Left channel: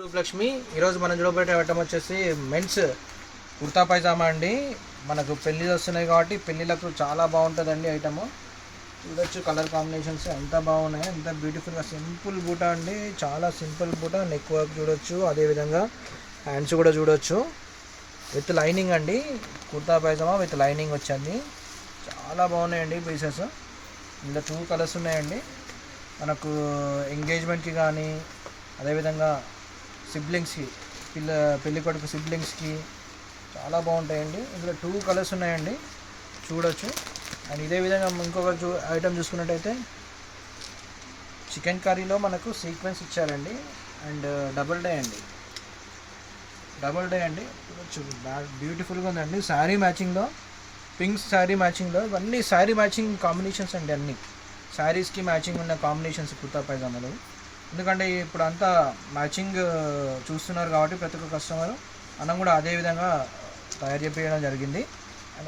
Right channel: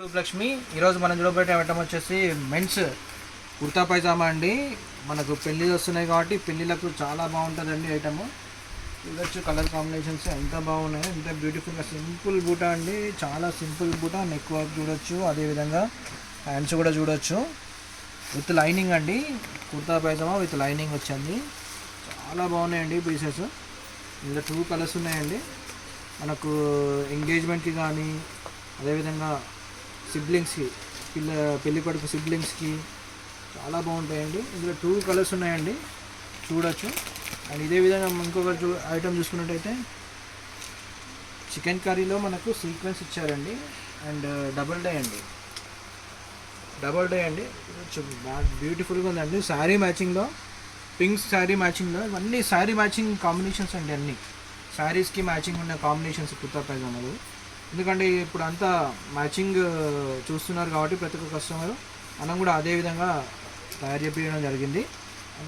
రూపలక్ష్మి ఈరోజు మనం చూడబోయే ఐటమ్ వచ్చేసి మెన్స్ కుర్తా పైజామా అండి. మనకు పెళ్ళిళ్ళు వస్తున్నాయి కాబట్టి పెళ్ళిళ్ళకు చాలా బాగుంటుందండి ఐటమ్. చూడొచ్చు కలర్ కాంబినేషన్స్ ఎంత బాగున్నాయి, ఎంత బ్యూటిఫుల్గా సింపుల్ బూటా అండి, చాలా సింపుల్ బూటా. నెక్ వర్క్ చూడొచ్చు, అదేవిధంగా హ్యాండ్స్ కూడా చూడొచ్చు. విత్ లైనింగ్ అండి, కుర్తా పైజామా విత్ లైనింగ్ వచ్చింది. చాలా బాగున్నాయండి పీసెస్. ఇంకా 2 కలర్స్ ఉన్నాయండి. మనకు ఎంగేజ్మెంట్కి కానీ అదేవిధంగా సిబ్లింగ్స్కి పెళ్ళి కొడుకు సిబ్లింగ్స్కి చాలా బాగుంటాయండి. ఇందులో 2 కలర్స్ ఉన్నాయండి, చూడొచ్చు. అండ్ ఇదే విధంగా ఇంకొక ఐటమ్ చూసుకున్నట్టయితే చికెన్ కర్రీలో మనకు సీక్వెన్స్ ఇచ్చారండి. అండ్ డబుల్ డే అండి, బ్యూటిఫుల్గా ఉందండి. శారీ మ్యాచింగ్లో, పింక్ శారీ మ్యాచింగ్లో, ఇవన్నీ శారీ మ్యాచింగ్ కాంబినేషన్స్ అండి. అన్నీ శారీస్కి మ్యాచింగ్ ఉన్న కాంబినేషన్స్ కుర్తా పైజామాలు. ఎందుకంటే ఇప్పుడు అంతా మ్యాచింగ్ చూస్తున్నారు కాబట్టి ప్రతి ఒక్క కస్టమర్ మనం కూడా అదే విధంగా తయారు చేయించడం జరిగింది.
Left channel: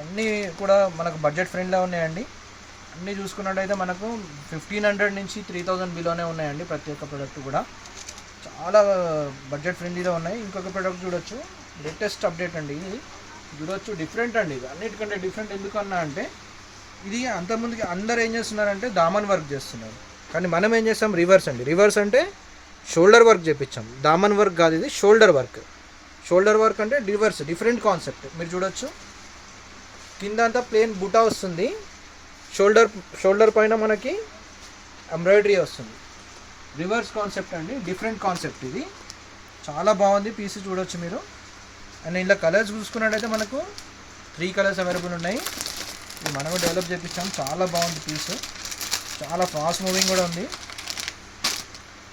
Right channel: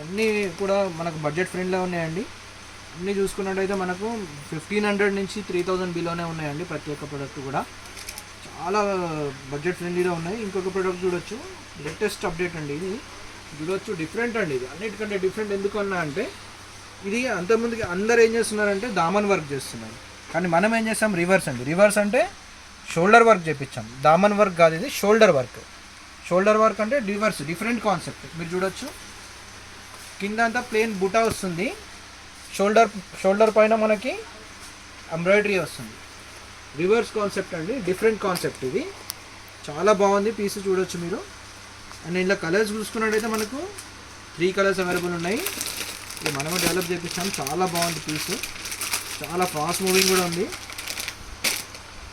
అన్నీ కూడా మనకు బడ్జెట్ ఫ్రెండ్లో ఉన్నాయండి. అన్నీ చూసుకున్నట్టయితే మనకు 1500 నుంచి 3000 బిలోనే ఉన్నాయండి. ప్రతి ఒక్క ప్రోడక్ట్ కూడా చాలా బడ్జెట్ ఫ్రెండ్లీలో ఉన్నాయి. ఇంకొక ప్రోడక్ట్ చూడొచ్చు, లేటెస్ట్ అప్డేట్ అండి. ఇది చూడొచ్చు, డిఫరెంట్ అండి. ఇది అన్నిటికంటే డిఫరెంట్ ఎందుకన్నా అంటే ఇది అంతకుముందుకి అందరు ఏం చేస్తున్నారంటే దామన్ వర్క్ చేస్తున్నారు, కానీ మనం ఏం చేస్తాం రివర్స్ అండి. రివర్స్ అంటే షోల్డర్ వర్క్ చేపించాం. దామన్ వర్క్ కాదు, ఇది షోల్డర్ వర్క్. షోల్డర్ వర్క్ అంటే రివర్స్, డిఫరెంట్ కాన్సెప్ట్. మీరు చూడొచ్చు, కింద అంతా ప్లెయిన్ బుటా వస్తుంది, షోల్డర్ పైన మనకి ఎంబ్రాయిడరీ వస్తుంది. రివర్స్ కాన్సెప్ట్ అండి, డిఫరెంట్ కాన్సెప్ట్. ఇది చాలా బాగుంది పీస్, చూడొచ్చు మీరు. అండ్ ఇలా కలర్స్ చూసుకున్నట్టయితే మనకు 3 కలర్స్ అవైలబుల్ ఉన్నాయి. ఇది మనము డెవలప్ చేపించాం. చాలా బాగుంది పీస్, చాలా ఫాస్ట్ మూవింగ్ కూడా ఉంది.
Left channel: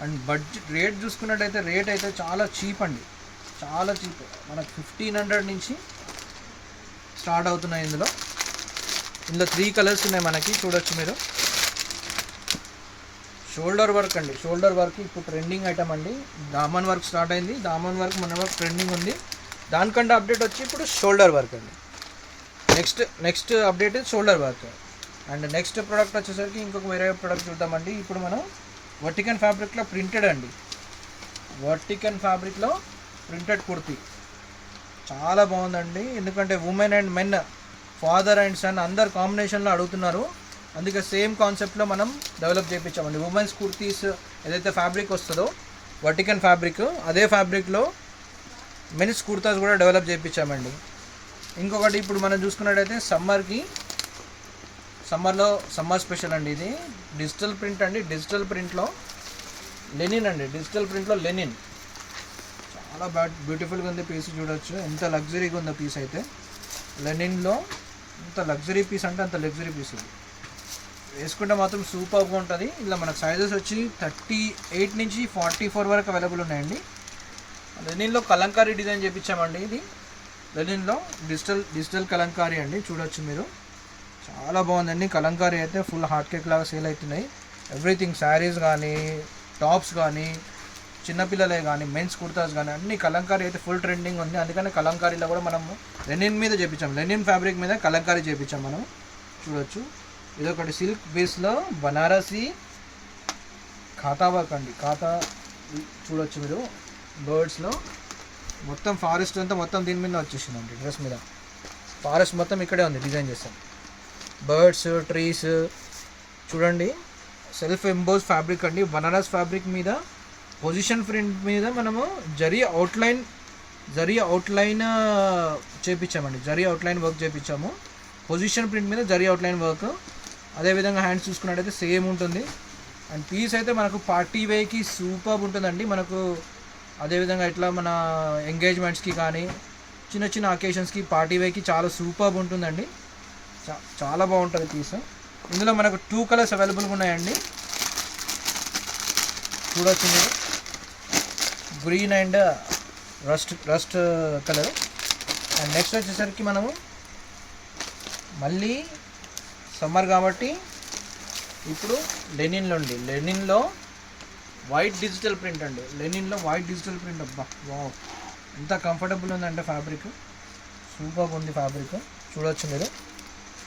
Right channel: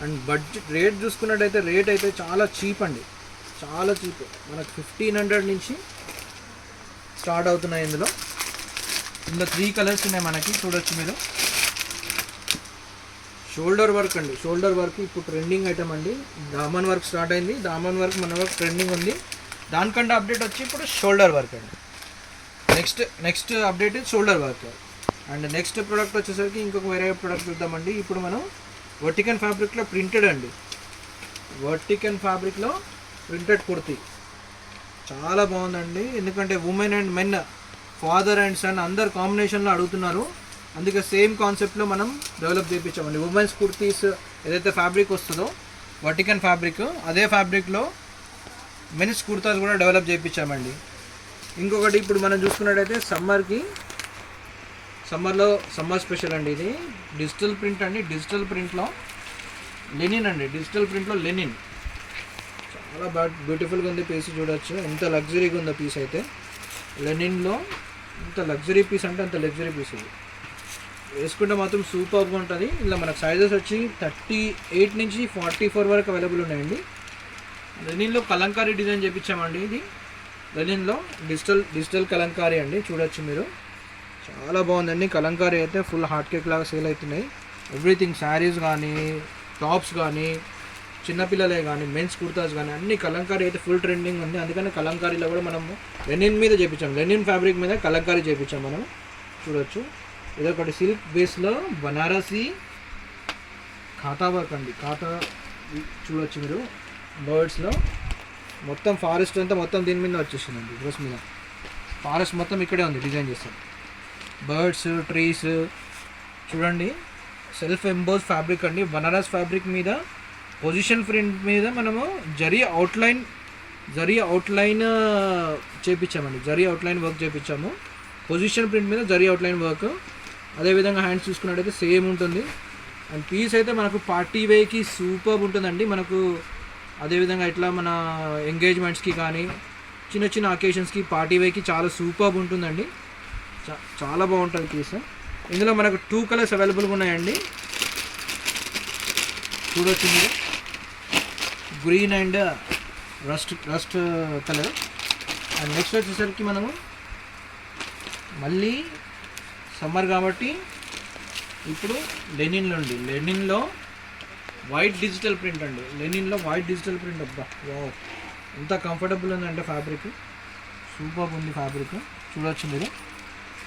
అండ్ బడ్జెట్ రేట్ చూసుకున్నట్టయితే రేట్ అయితే చాలా చీప్ అండి, చాలా చీప్. మనకు 1500 నుంచి స్టార్ట్ అవుతున్నాయి. ఇందులో 3 కలర్స్ ఉన్నాయి మనకి, చూడొచ్చు మీరు. షోల్డర్ వర్క్ అండి, షోల్డర్ వర్క్ ఇప్పుడు ట్రెండింగ్ ఐటమ్ అండి. దామన్ వర్క్ స్టార్ట్ అయింది, దామన్ వర్క్ మన వర్క్ ట్రెండింగ్ ఉంది. దానికంటే అప్డేట్ వచ్చి ఇప్పుడు షోల్డర్ వర్క్ అండి. Next update shoulder work. And next product వచ్చేసరికి ఇంకొక వేరే ప్రోడక్ట్ చూద్దామండి. ఇప్పుడు మనం వర్టికన్ ఫ్యాబ్రిక్లో ప్రింటెడ్ అండి, వర్టికన్ ఫ్యాబ్రిక్లో ప్రింటెడ్ కుర్తీ చాలా బాగుందండి. ఎందుకంటే women and men, father and son అందరు కాంబినేషన్లో అడుగుతున్నారు, అందుకే సేమ్ కాన్సెప్ట్లో మనం డెవలప్ చేయించామండి. ఉమెన్స్ కుర్తీస్ ఏదైతే ఫ్యాబ్రిక్ వస్తుందో వర్టికన్ ఫ్యాబ్రిక్, అదే ఫ్యాబ్రిక్లో మెన్స్ కుర్తాస్ కూడా డెవలప్ చేయించామండి. ఇంకొకటి ఇప్పుడు మనం చూసుకున్నట్టయితే సమ్మర్ స్పెషల్ అండి. ఇది డిజిటల్ ప్రింట్ అండి, డిజిటల్ ప్రింట్లో లెనిన్ అండి, డిజిటల్ ప్రింట్లో లెనిన్. చాలా బ్యూటిఫుల్గా ఉంది పీస్, చూడొచ్చు ఎంత లగ్జరీగా ఉందో పీస్. అయితే లెనిన్లో ఎంత లగ్జరీ పీస్ అంటే అంత లగ్జరీ పీస్. ఇది వేసుకుంటే మాత్రం సూపర్గా ఉంటుంది. ఇలా మన సైజెస్ వచ్చి 38 నుంచి 44 వరకు అవైలబుల్ ఉన్నాయండి. లెనిన్లో కలంకారీ డిజైన్ చేయించామండి. ఇది లెనిన్లో డిజిటల్ కలంకారీ అండి, చూడొచ్చు మీరు. చాలా బాగుందండి. కలంకారీ అయితే ఫుల్ హాట్ కేక్ లాగా సేల్ అవుతున్నాయి. ఎవ్రీథింగ్ శారీస్ కానీ, టాప్స్ కానీ, చిన్నపిల్లలే కానీ, మెన్స్ కుర్తాస్ కానీ అన్ని కలంకారీ అయితే ఫుల్ ట్రెండింగ్ ఉంది. అందుకని కలంకారీలో కూడా మనము లెనిన్ మీద చేయించాం, లెనిన్ ఫ్యాబ్రిక్ మీద కలంకారీ చేయించాం మనం, చూడొచ్చు. ఇదొకటి సిల్క్ బేస్లో బనారసి ఖాతా వర్క్ అండి, ఖాతా చూడొచ్చు మీరు. బర్డ్స్లో మొత్తం ఫారెస్ట్ అంతా మొత్తం దీని మీద వచ్చేసిందండి. డ్రెస్ మీద ఫారెస్ట్ మొత్తం ఇక్కడే ఉంది, డిజైన్ చేస్తాం. బర్డ్స్, ట్రీస్ చూడండి. సెల్ఫ్ ఎంబోస్ ఫ్యాబ్రిక్ అండి, బనారస్ ఫ్యాబ్రిక్ మీద పొజిషన్ ప్రింట్ మీద మనము జరీ అవుట్లైన్ చేయించామండి, జరీ అవుట్లైన్ వర్క్ చేయించాము. పొజిషన్ ప్రింట్ మీద జరీ అవుట్లైన్ వర్క్. అదేవిధంగా హ్యాండ్స్ చూసుకున్నట్టయితే సేమ్ ఉంటుంది. అండ్ పీస్ అయితే మనకు పార్టీ వేకి సూపర్ ఉంటుందండి. మనకు అదేవిధంగా ఇట్లా మన ఎంగేజ్మెంట్స్కి కానీ చిన్న చిన్న అకేషన్స్కి పార్టీ వేకి చాలా సూపర్ ఉంటుందండి. చాలా బాగుంటుంది పీస్. ఇందులో మనకు 2 కలర్స్ అవైలబుల్గా ఉన్నాయండి, చూడొచ్చు మీరు. Green and rust colour. And next వచ్చేసరికి మనము మళ్ళీ సమ్మర్ కాబట్టి ఇప్పుడు లెనిన్లో వైట్ డిజిటల్ ప్రింట్ అండి, లెనిన్లో వైట్ డిజిటల్ ప్రింట్. అబ్బా వావ్, ఎంత కంఫర్టబుల్ ఉందంటే ఫ్యాబ్రిక్, సూపర్ ఉంది ఫ్యాబ్రిక్, చూడొచ్చు మీరు.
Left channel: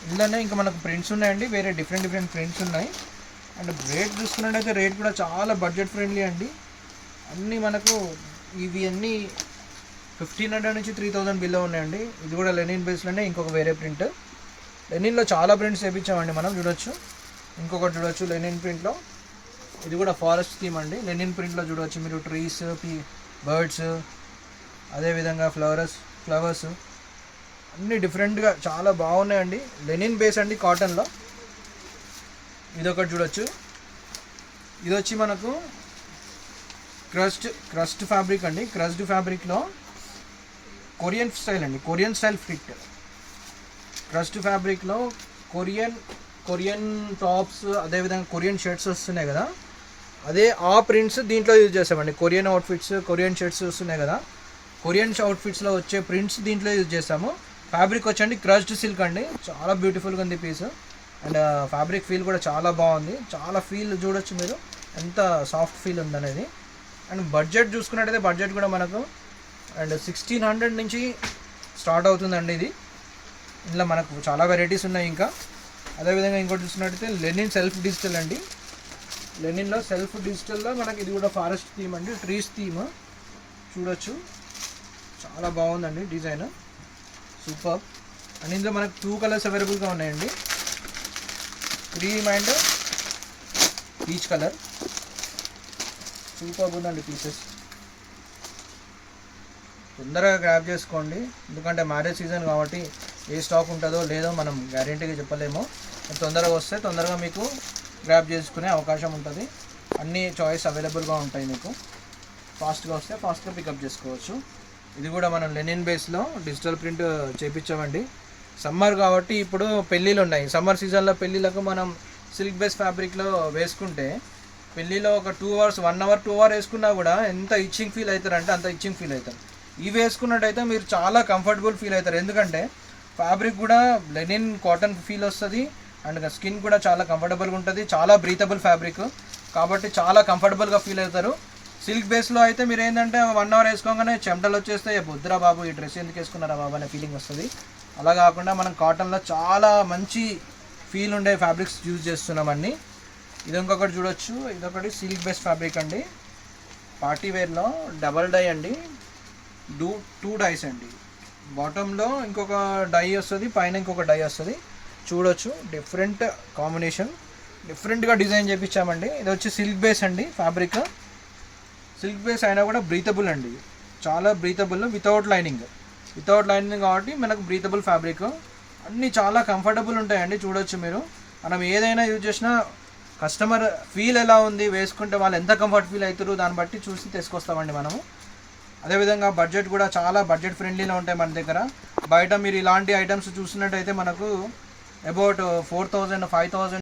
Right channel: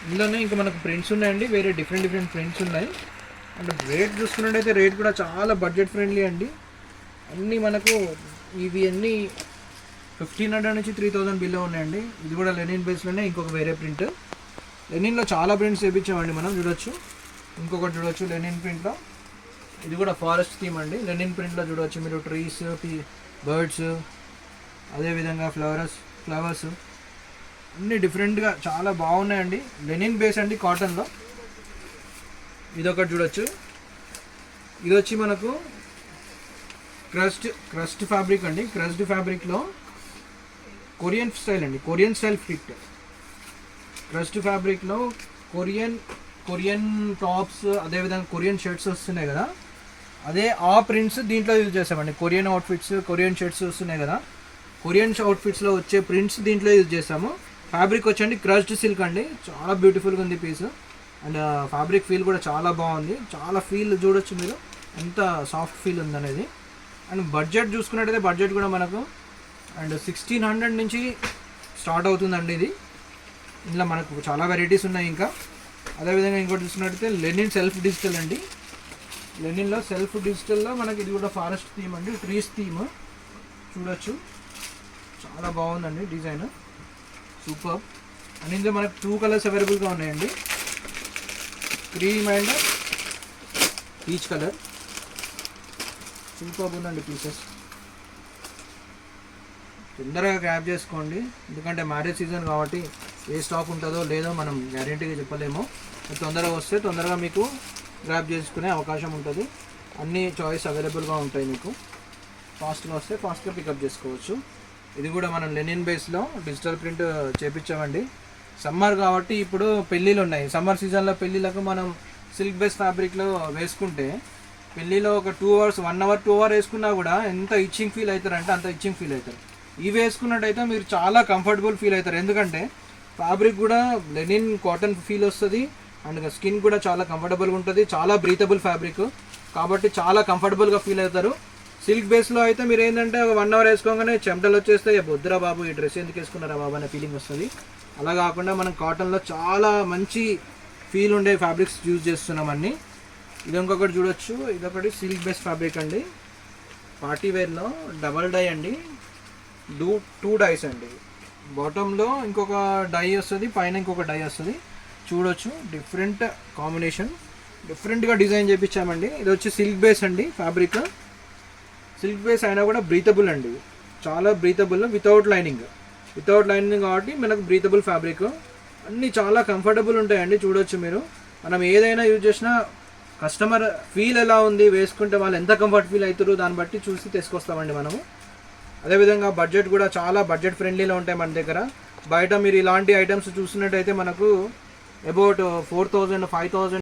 ఇందులోనే ఇంకా మనకు ప్రింట్స్ ఉన్నాయండి, వేరే డిఫరెంట్ ప్రింట్స్ ఉన్నాయి. అంటే రేట్ చూసుకున్నట్టయితే రేట్ కూడా చాలా బడ్జెట్ ఫ్రెండ్లీ అండి. అన్నీ మనకు ఇవి అన్నీ 1500 నుంచి 3000 బిల్లో ఉన్నాయండి. ఇది కూడా లెనిన్ బేస్లోనే ఇంకొక వేరే ప్రింట్. లెనిన్లో చాలా ప్రింట్స్ వేయించామండి మనం, చూడొచ్చు. ఇంకొకటి చూడొచ్చు లెనిన్ ప్రింట్లో, ఇది కూడా ఫారెస్ట్ థీమ్ అండి. లెనిన్ ప్రింట్లో చూడవచ్చు మీరు ట్రీస్, బర్డ్స్, అదేవిధంగా ఫ్లవర్స్ అన్నీ డిఫరెంట్గా చాలా బాగున్నాయండి. లెనిన్ బేస్ అండి కాటన్లో. ఇదొకటి చూడొచ్చు. ఇది వచ్చి మనకు క్రస్ట్ ఫ్యాబ్రిక్ అండి. క్రస్ట్ ఫ్యాబ్రిక్లో కొరియన్ స్టైల్ అండి, కొరియన్ స్టైల్ ఫిట్. క్రస్ట్ ఫ్యాబ్రిక్లో కొరియన్ టాప్స్, అదేవిధంగా కొరియన్ షర్ట్స్ వస్తున్నాయి కదా, అదే ఆ ప్రింట్స్ దీంట్లో యూజ్ చేస్తామండి. కొరియన్ అవుట్ఫిట్స్, కొరియన్ షర్ట్స్ వస్తున్నాయి కదా, కొరియన్ అవుట్ఫిట్స్లో వచ్చే ప్రింట్స్ దీంట్లో యూజ్ చేస్తాము. ఫ్యాబ్రిక్ వచ్చండి క్రష్డ్ సిల్క్ అండి, చాలా బ్యూటిఫుల్గా ఉంది పీస్. అండ్ ఫ్యాబ్రిక్ ఫీల్ కూడా చాలా బాగుంది. చాలా ఫీల్ చూడొచ్చు మీరు ఎంత సాఫ్ట్ ఫీల్ ఉందనేది. అండ్ బడ్జెట్ చూసుకున్నట్టయితే బడ్జెట్ కూడా మనకు అండ్ 1600 నుంచి స్టార్ట్ అవుతుందండి ఇది. ఇందులో మనకు చాలా వెరైటీస్ ఉన్నాయి. ఇంకా అదేవిధంగా ఇంకోటి చూసుకున్నట్టయితే లెనిన్ సెల్ఫ్ డిజిటల్ అండి. లెనిన్లో సెల్ఫ్ డిజిటల్లో మనకి ఇది కూడా ఫారెస్ట్ థీమ్ అండి, ట్రీస్ థీమ్ చూడొచ్చు. చాలా బాగుందండి డిజైన్, సూపర్. అండ్ ఇందులో మనకు 2 కలర్స్ అవైలబుల్గా ఉన్నాయండి, cream and peach colour. Super ఉందండి పీసెస్. తొందరగా గ్రాప్ చేసుకోండి, ఎందుకంటే మ్యారేజ్ సీజన్ కాబట్టి ఏ స్టాక్ ఉంటుందో లేదో మనం గ్యారెంటీగా చెప్పలేము. తొందరగా వస్తే తొందరగా మీకు గ్రాప్ చేసుకునే అవకాశం ఉంటుంది. అన్ని చాయిస్ అవైలబుల్గా ఉంటాయి మీకు. ఫాస్ట్గా వస్తే ఫాస్ట్గా పికప్ చేసుకోవచ్చు. ఇది కూడా మనం లెనిన్ బేస్లో డిజిటల్ ప్రింట్ చేపించామండి. సమ్మర్ కాబట్టి ఇప్పుడు పెళ్ళిళ్ళు ఉన్నాయి. సమ్మర్ సీజన్లో పెళ్ళిళ్ళకు మనం సిల్క్ బేస్ ఫ్యాబ్రిక్లో వేసుకుంటే పెళ్ళిలో ఒక 2 hours 1 hour 2 hours వేసుకున్నా కూడా ఎంత ఇచ్చింగ్ ఫీల్ అవుతారంటే అంత ఇచ్చింగ్ ఫీల్ అవుతారు. ఇవి వేసుకున్నట్టయితే మీరు చాలా కంఫర్టబుల్ ఫీల్ అవుతారు, ఎందుకంటే ఫ్యాబ్రిక్ కూడా లెనిన్ కాటన్ ఫీల్ వస్తుంది. అండ్ స్కిన్ కూడా చాలా కంఫర్టబుల్గా ఉంటుంది, చాలా బ్రీతబుల్ ఫ్యాబ్రిక్ కాబట్టి చాలా కంఫర్టబుల్గా ఫీల్ అవుతారు. సిల్క్ బేస్లో అయితే మీరు ఏంటంటే 1 hour వేసుకోగానే చెమటలు వచ్చేస్తే బొద్దురా బాబు ఈ డ్రెస్ ఎందుకు వేసుకున్నారా బాబు అనే ఫీలింగ్ వస్తుంది. అలా కాకుండా మనం కాటన్లో చాలా మంచి ఫీల్ ఉండే ఫ్యాబ్రిక్స్ యూజ్ చేస్తున్నాం అన్నీ. ఇది ఇంకొకటి చూడొచ్చు, ఇదొకటి సిల్క్ బేస్ ఫ్యాబ్రిక్ అండి, పార్టీ వేర్లో డబల్ డై అండి, 2 డైస్ అండి. బాటంలో ఇంకొక డై వస్తుంది, పైన ఇంకొక డై వస్తుంది. చూడొచ్చు డిఫరెంట్ కాంబినేషన్, డిఫరెంట్గా డిజైన్ చేయించామండి. ఇది వచ్చి సిల్క్ బేస్ అండి ఫ్యాబ్రిక్. సిల్క్ బేస్ అయినా కూడా బ్రీతబుల్ అండి, చాలా బ్రీతబుల్, వితౌట్ లైనింగ్ కాబట్టి మనకు బ్రీతబుల్ ఫ్యాబ్రిక్. అన్నీ చాలా కంఫర్టబుల్ ఉంటాయండి. చూడొచ్చు మీరు, మనం ఏదైనా యూజ్ చేసినా కస్టమర్ ఫీల్ ఎలా ఉంది వేసుకుంటే వాళ్ళు ఎంత కంఫర్ట్ ఫీల్ అవుతారు దాన్ని బట్టి చూసి తీసుకొస్తామండి మనము. అదేవిధంగా బడ్జెట్ కూడా చాలా బడ్జెట్ ఫ్రెండ్లీలో ఉంటాయి మన దగ్గర. బయట మీరు ఇలాంటి ఐటమ్స్ చూసినట్టయితే మనకు అబౌట్ 4000 5000